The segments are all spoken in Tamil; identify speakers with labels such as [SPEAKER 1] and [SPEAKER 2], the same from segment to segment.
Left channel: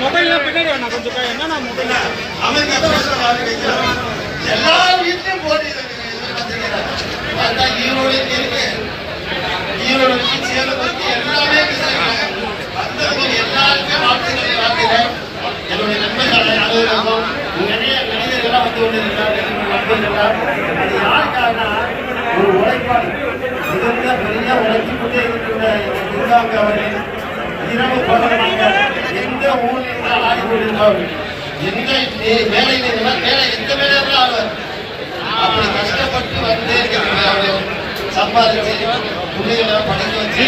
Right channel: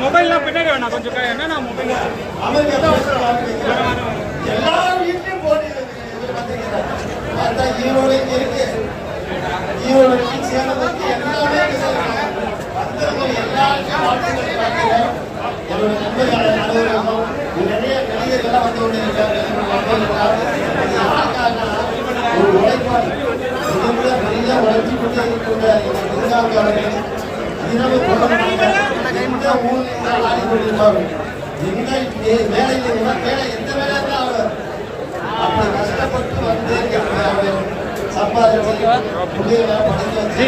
[SPEAKER 1] மொபைல்லாம் பின்னாடி வேணா கொஞ்சம் கை- மொபைல்
[SPEAKER 2] அவனுக்கு வீட்லயும் போட்டி ஈரோடு இருக்கு. ஈரோடு சேலம் இருக்கு, எல்லாமே வந்தவங்க வாழ்த்துக்களை என்னுடைய நண்பர்கள் நிறைய நடிகர்கள்லாம் வந்து அது ஒரு பெரிய கொண்டே இருக்கின்ற இந்த அவர்கள் இரவு பகலாக எந்த ஊரில் இருந்தால் ஆடி கொண்டிருப்பார்கள் எந்த வேலையில் இருந்தால் வேலை எந்த வேலையாக அப்படி கஷ்டப்பட்டு சம்பாதிச்சு வச்சு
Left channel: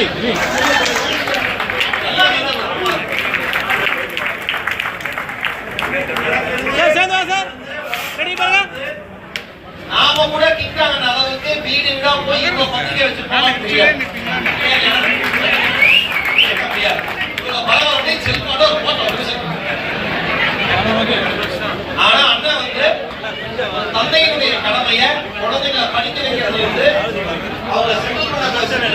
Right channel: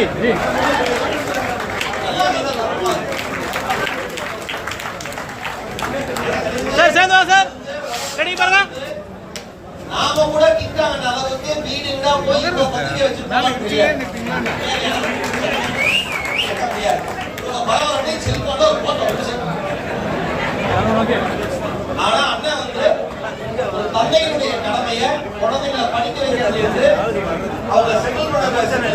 [SPEAKER 1] சார் சார்
[SPEAKER 2] நாம கூட கிட்டாங்க வீடா போய் இவ்வளவு பத்திரிக்கை வச்சு போக முடியாது வந்து செல்போட ஒரு போட்டோ ஆனா அண்ணன் வந்து தந்தையினுடைய கடமையை படிக்க வைக்கிறது வந்து அவங்க பண்ண பிரச்சனை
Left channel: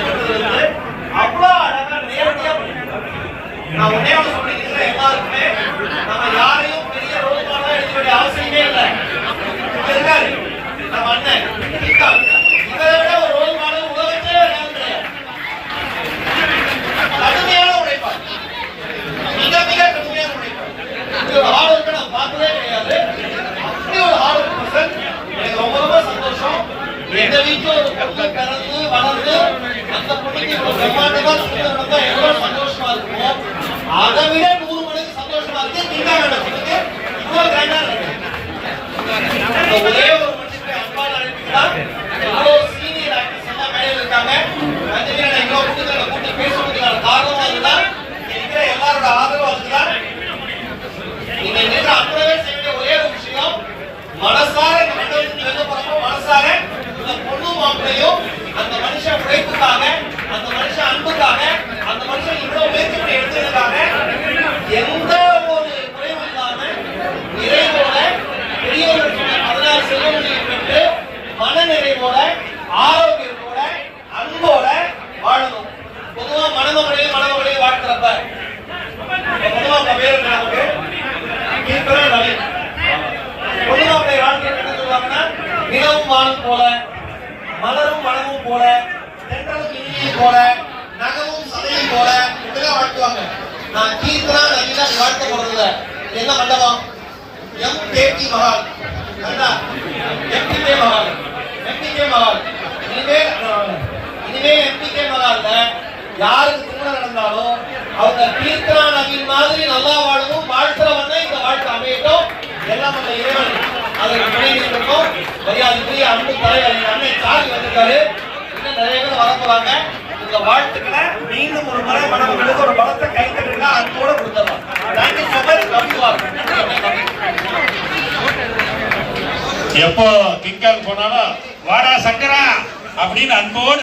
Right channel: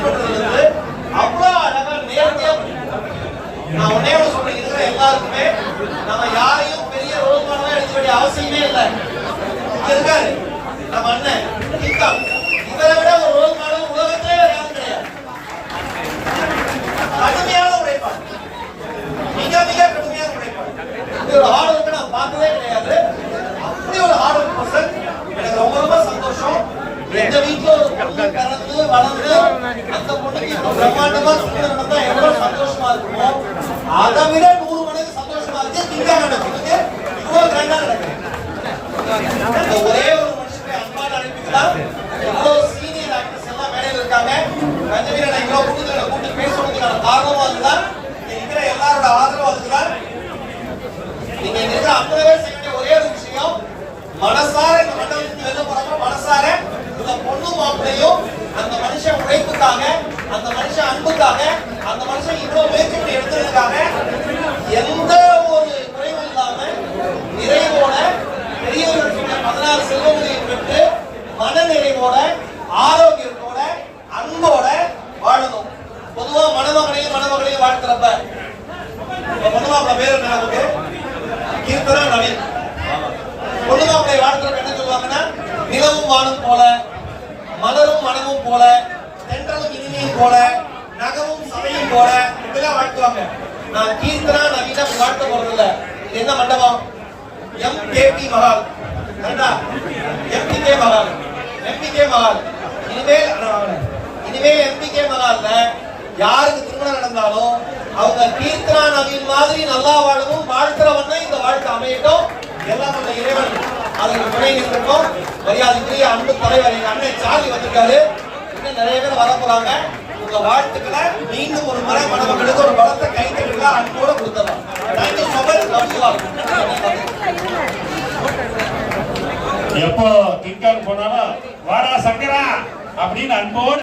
[SPEAKER 2] அதை விட நூறு மடங்கு சந்தோஷமா இருக்கு. திங்கா இவ்வளவு கிரைண்டா நடக்குது. ஒரே ஒரு மனுஷனுக்கு அன்பான அழைப்புக்கு இவ்வளவு சீனியர் ஆக்டர்ஸ் எல்லாம் மேடையில் இருக்காங்க. ரஜினி அண்ணன் இவ்வளவு கூட்டத்துல கூட்டி பேசுவதற்கான காரணமாக இருந்தால் இருக்கிற எல்லாரோட ஆதரவு பேர் என்ன நமக்கு இருக்கிற நவீன் பொதுவாக வாழ்த்துறப்ப என்ன சொல்லுவாங்கன்னா நிலவும் வானம் போல மலரும் மனமும் போல தென்றலும் இனிமையும் போல நகமும் சதையும் போல இப்படிலாம் வாழ்த்துவாங்க நான் கீர்த்தனா நவீனா வாழ்த்த போறது இல்லை என்ன மண்டபம் எம் கேடி மகால் கண்டா எம்டிகே மகால் எம்டிகே மகால் இனிமேல் இனிமேல் எம்டிகே மகால்ல யாருக்கு திருமணம் நடந்தாலும் அவங்க கீர்த்தனா நவீன் மாதிரி நல்லா வாழவும் வாழ்த்துறவன்னா இந்த வாழ்க்கை அமையட்டும். எல்லாம் அந்த இறைவன் அதற்கு துணை நிற்கட்டும். மரியாதைக்குரிய அன்பு தலைவர் எங்க அண்ணன் சார்ஜ் வந்திருக்காரு. இன்னும் நிறைய பேர் வரப்போறாங்க உங்க வாழ்த்துக்களை மீண்டும் ஒரு முறை மனவங்களுக்கு ஒரு பலத்தை கை அன்போட கொடுத்துடலாம். தேங்க்யூ சோ மச்
[SPEAKER 3] எப்போ கிங்காங் போனாலும் வாடா சங்கரா அப்படின்னு அன்போடு